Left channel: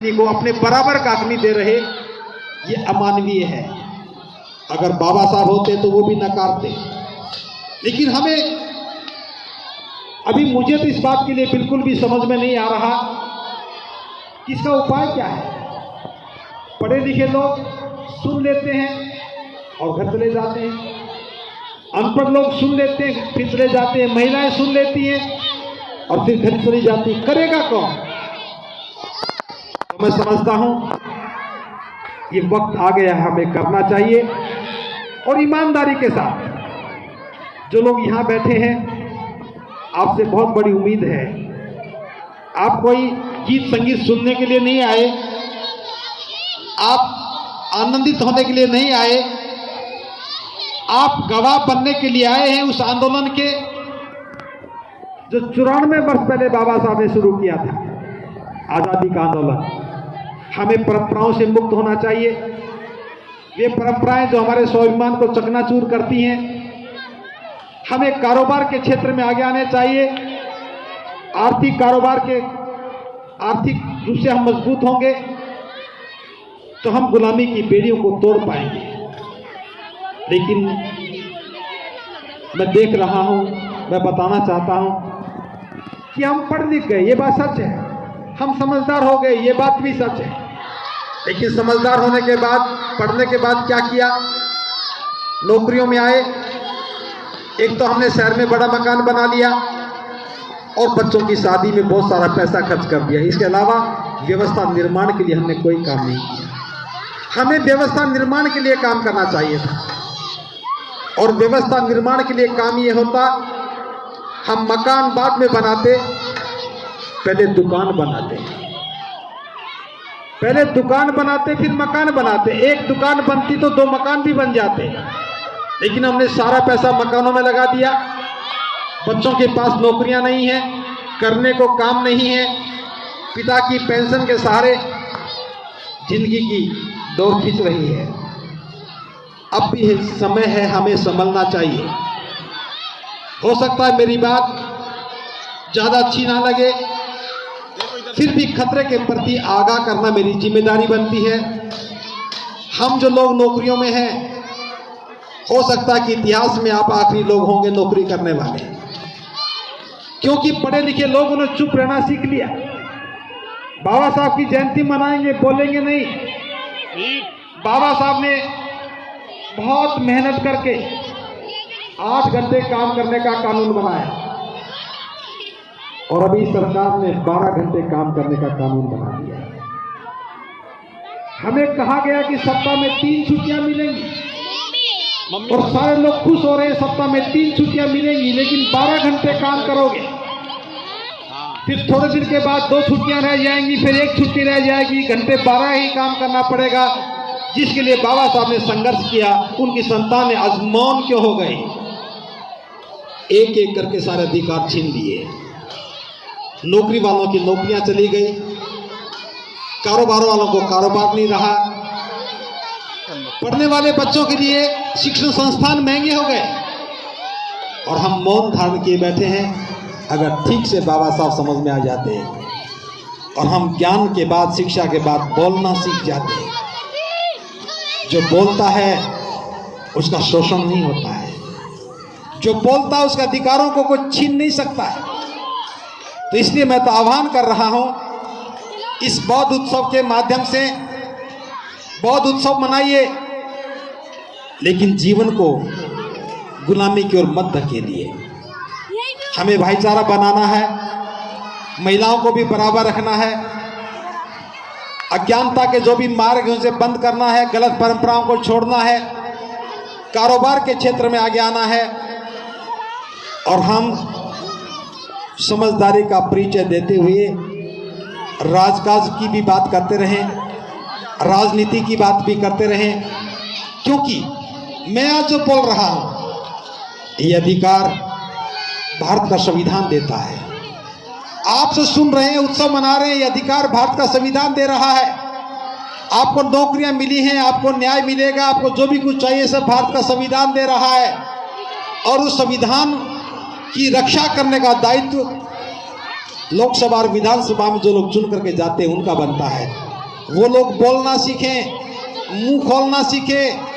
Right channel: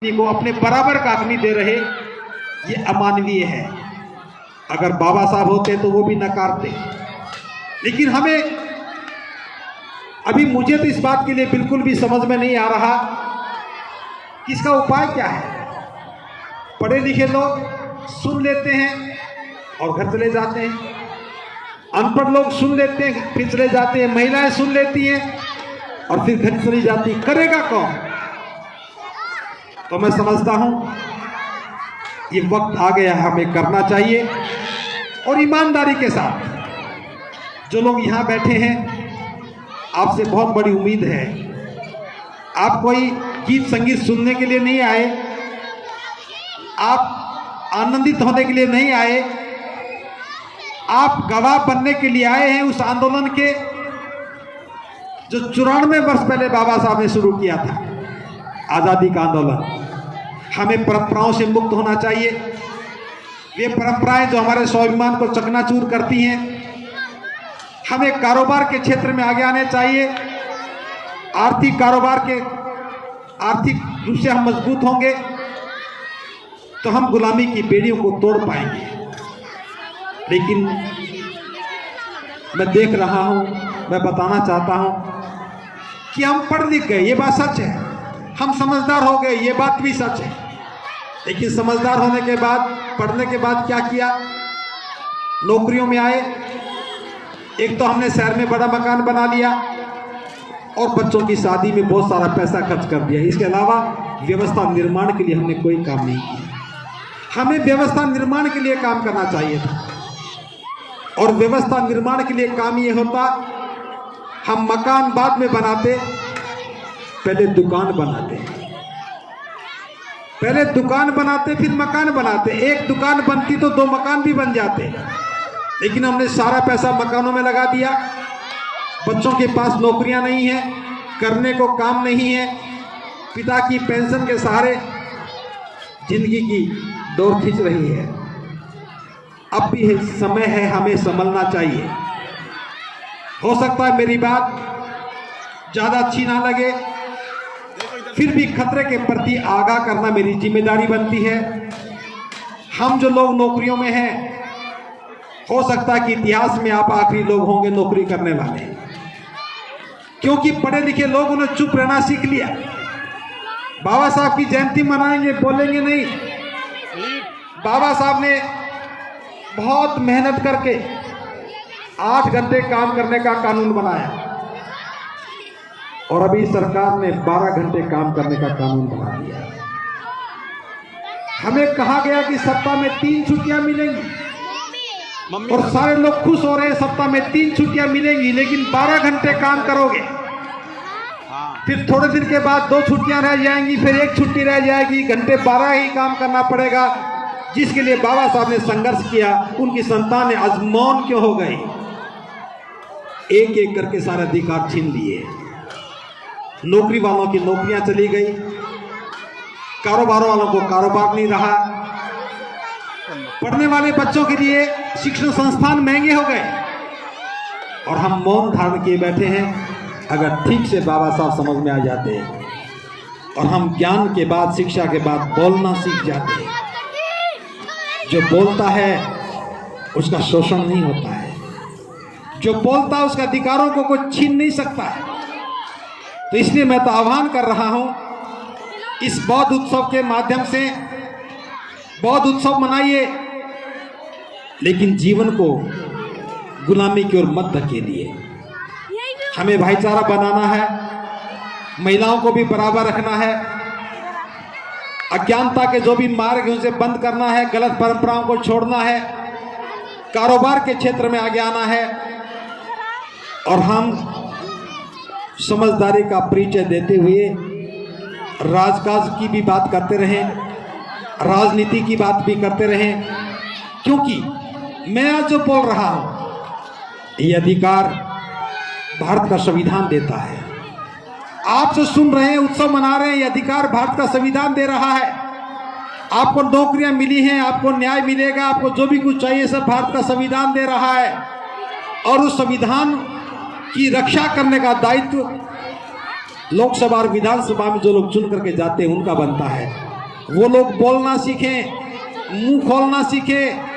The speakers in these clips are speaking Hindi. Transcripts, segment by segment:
को अपने बराबर का आदमी दे रहे, ये अमानवीय है। अगर बाबा साहब होते तो वो भी नकारते। लेकिन हमें अभी मुझे तो इस बात के लिए बिल्कुल भी समझ में नहीं आ रहा कि इसका उपाय क्या है। पढ़े लिखे लोग सुन लेते हैं और घर चले जाते हैं, अनपढ़ लोग सुन लेते हैं फिर चले जाते हैं, महिलाएं सुन लेती हैं और फिर घर चली जाती। करेगा कौन? तो मैं समझता हूं ये वक्त आ गया, हमें करना चाहिए और ईमानदारी के साथ। जो लोग यहां बैठे हैं, आपसे बहुत बड़ी उम्मीद है। आप कोई गीत संगीत सुनने के लिए नहीं आए, आप आनंदित होने के लिए नहीं आए, आप गवाह बनने के लिए आए हैं उस आंदोलन के जो 94 वर्ष पहले बाबा साहब ने शुरू किया था, आजादी का आंदोलन। हमें परंपराओं से मुक्त होना चाहिए। वे परंपराएं जो हमारे स्वाभिमान को चकनाचूर करती हैं। हमें कारोबार के क्षेत्र में आगे आने चाहिए। आर्थिक कारोबार के आर्थिक रूप से हम मजबूत होंगे तो हम गुलामी की बेड़ियों को तोड़ पाएंगे। लेकिन मैं देख रहा हूं, मैं बताना चाहता हूं कि हम पढ़ लिख गए, ये बात सच है। हम समझदार हो गए, ये बात भी सच है। लेकिन समझदार होने के बाद, पढ़ने के बाद क्या किया? नौकरियों में आए। एक तो हमने शहर में बड़ा मकान बना लिया और बच्चों की शादी में बहुत सारा पैसा खर्च कर दिया। इसके अलावा व्यवस्था निर्माण के लिए हमने कोई काम नहीं किया। हमें व्यवस्था निर्माण के लिए काम करना चाहिए था। और व्यवस्था निर्माण के लिए काम ये होता, हम मकान बाद में बनाते, पहले दुकान बनाते। पहले दुकान बनाते फिर मकान बनाते। एक दुकान बनती तो 2 मकान भी बन जाते। लेकिन हमने सारा पैसा मकानों में लगा दिया। बच्चों के पास नौकरियां नहीं है, करने को काम नहीं है, पिता की पेंशन के सहारे जिंदगी की दौड़ खींच रही है। अब भी समय है, हमें संभलना चाहिए। हो सकता है मेरी बात ज्यादा अच्छी ना लगे, फिर भी खतरे के प्रति आगाह करना मेरी जिम्मेदारी बनती है। हम जो लोग नौकरियों में हैं, हो सकता है कि इतिहास में आप आखिरी लोग होंगे नौकरी करने वाले, क्योंकि पढ़े लिखे लोगों ने चुप रहना सीख लिया। बाबा साहब की जयंती मनाएंगे, बोलेंगे नहीं। बाबा साहब ने बहुत मेहनत करके 8 घंटे काम करने का कानून बनाया और अभी सरकार ने 12 घंटे काम करने का कानून बना दिया। हमें कहा गया कि सप्ताह में 3 छुट्टियां मिलेंगी और सारे लोग खुश हो रहे हैं, सप्ताह में 3 छुट्टियां मिलेंगी, लेकिन 12 घंटे काम करोगे। फिर थोड़े दिन के बाद 2 छुट्टियां रह जाएंगी, फिर 1 छुट्टी रह जाएगी, घंटे 12 ही काम करना पड़ेगा। जिसके लिए बाबा साहब ने संघर्ष किया, उनकी संतानें आज मौन क्यों हो गई? एक एक करके सारे अधिकार छीन लिए। नौकरी वालों की नौकरियां चली गई, कारोबार वालों को कारोबार नहीं रहा, पढ़ने वाले बच्चों के लिए शिक्षण संस्थान महंगे हो गए और हम मौन धारण किए बैठे हैं। अगर ठीक से बाबा साहब समझ में आ जाते और हम ज्ञान के बाद, शिक्षा के बाद बोलना सीख जाते। जो बोलता है उसका शोषण नहीं होता है, जो बोलता है उसके अधिकारों को कोई छीन नहीं सकता है। तो इसलिए मैं तो आह्वान कर रहा हूं, इस बौद्ध उत्सव के माध्यम से बौद्ध उत्सव मनाइए, लेकिन जीवन को गुलामी की ओर मत धकेलिए। हमें भाईचारा बनाना है, महिलाओं को भी बराबर रखना है, अज्ञानता के जो भी मार्ग है उसे बंद करना है, गलत परंपराओं को छोड़ना है, कारोबार के क्षेत्र में आगे आना है और हम समझदारी का परिचय देते हुए राजकाज की भी बात करते रहें, राजनीति की बात भी करते रहें। क्योंकि मैं आज जो बोल रहा हूं, ये अधिकार भारत का संविधान देता है। आप जो सुन रहे हैं, उत्सव मना रहे हैं, ये अधिकार भारत का संविधान दे रहा है। आपको नौकरियां मिली हैं, आपको न्याय मिलेगा, आपको जो भी कुछ चाहिए सब भारत का संविधान दे रहा है। और उस संविधान की रक्षा करने का दायित्व लोकसभा और विधानसभा में जो लोग चुन करके जाते हैं उनका बनता है। वो लोग बोलना सीखें, मुंह खोलना सीखें।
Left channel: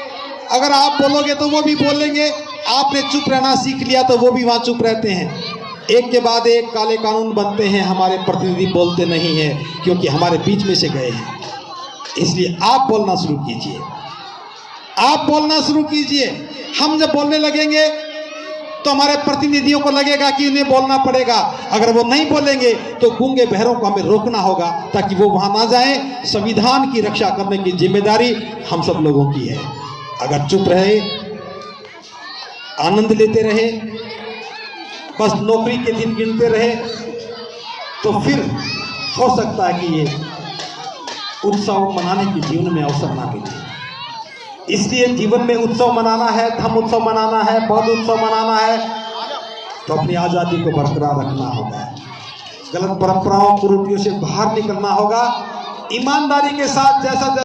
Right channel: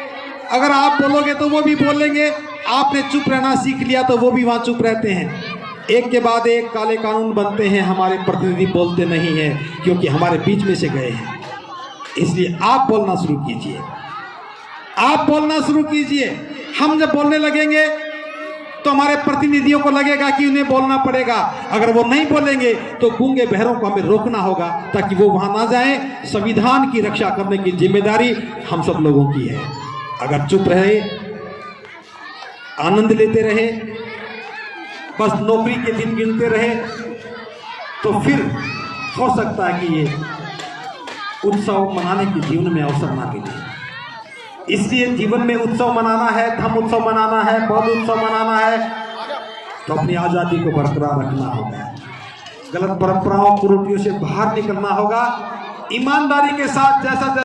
अगर आप बोलोगे तो वो भी बोलेंगे, आपने चुप रहना सीख लिया तो वो भी वहां चुप रहते हैं। एक के बाद एक काले कानून बनते हैं, हमारे प्रतिनिधि बोलते नहीं हैं क्योंकि हमारे बीच में से गए हैं। इसलिए आप बोलना शुरू कीजिए, आप बोलना शुरू कीजिए। हम जब बोलने लगेंगे तो हमारे प्रतिनिधियों को लगेगा कि उन्हें बोलना पड़ेगा। अगर वो नहीं बोलेंगे तो गूंगे बहरों को हमें रोकना होगा ताकि वो वहां ना जाएं। संविधान की रक्षा करने की जिम्मेदारी हम सब लोगों की है। अगर चुप रहे, आनंद लेते रहे, बस नौकरी के दिन गिनते रहे, तो फिर हो सकता है कि ये उत्सव मनाने की जीवन में अवसर ना मिले। इसलिए जीवन में उत्सव मनाना है, धर्म उत्सव मनाना है, बौद्ध उत्सव मनाना है, तो अपनी आजादी को बरकरार रखना होगा। गलत परंपराओं कुरीतियों से बाहर निकलना होगा। ईमानदारी के साथ जैसा